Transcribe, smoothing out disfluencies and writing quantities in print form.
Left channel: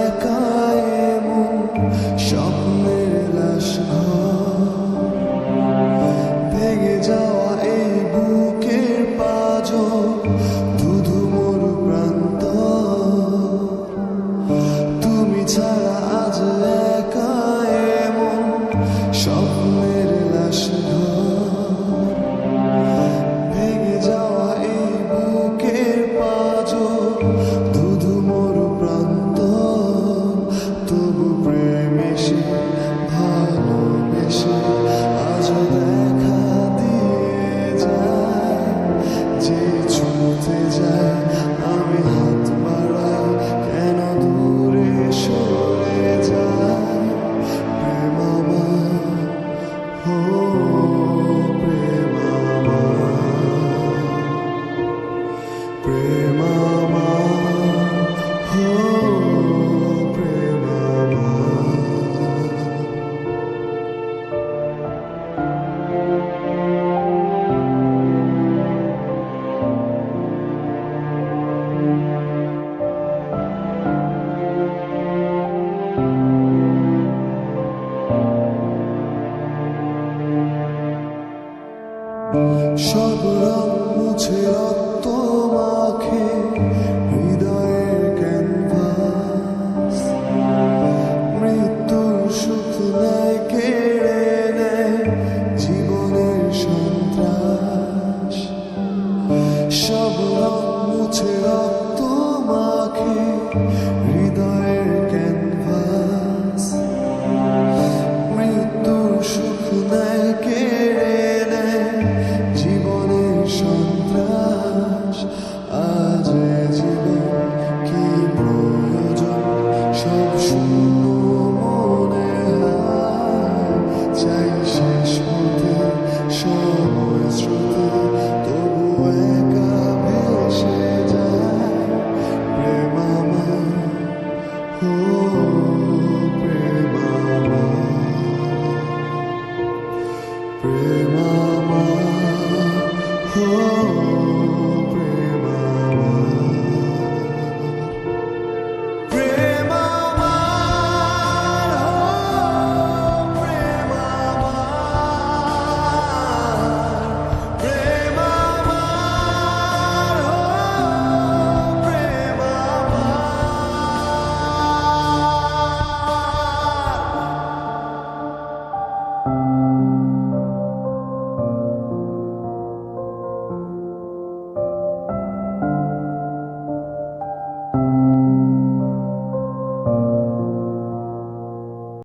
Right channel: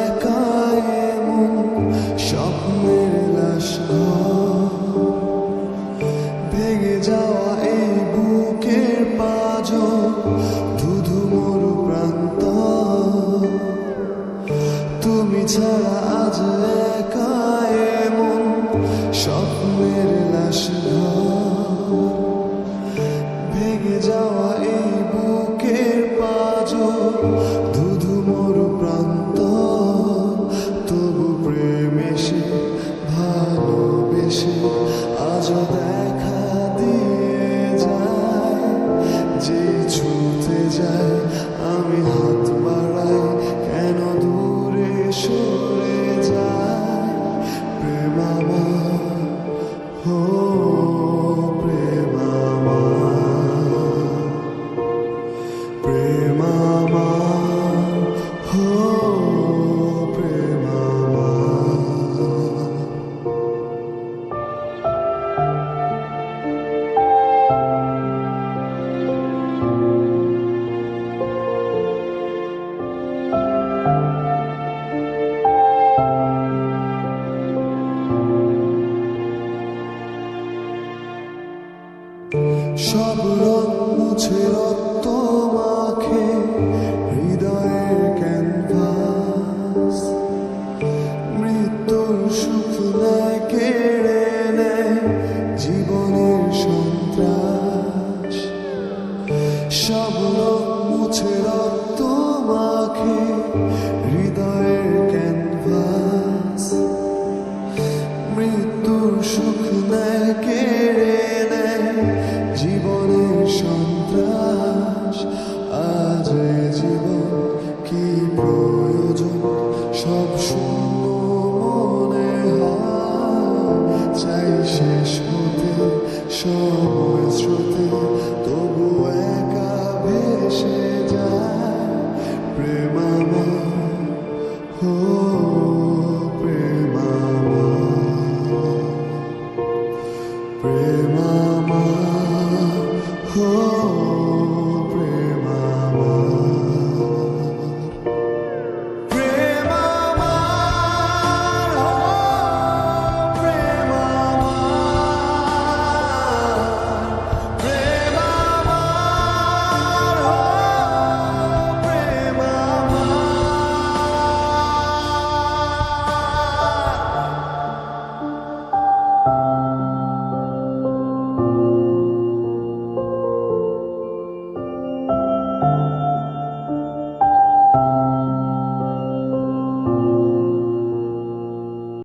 একা এমন স্বপ্নের লাশ ঘর, ভেঙে যাওয়া এই বুকের পাঁজর, ধুধু মরু প্রান্ত। তুমি ছাড়া আজ একা এমন স্বপ্নের লাশ ঘর, ভেঙে যাওয়া এই বুকের পাঁজর, ধুধু মরু প্রান্ত। তবু প্রেম এসে ভালোবেসে আজও দেখা দিয়ে যায়। যেই ছুঁতে যায় আমি হাত বাড়াই, কেন দূরে সরে যায়। প্রেম আমার, হো প্রেম আমার, প্রেম আমার, হো প্রেম আমার। সব রং মুছে রক্ত মাখে হৃদয়ের ক্যানভাস, মৃত্যুর সুখ নেয় কেড়ে নেয় জীবনের সন্ত্রাস। সব রং মুছে রক্ত মাখে হৃদয়ের ক্যানভাস, মৃত্যুর সুখ নেয় কেড়ে নেয় জীবনের সন্ত্রাস। আজ জীবন কি প্রয়োজন, সব শূন্য মনে হয়। চাই শেষ হতে সময় স্রোতে, তবু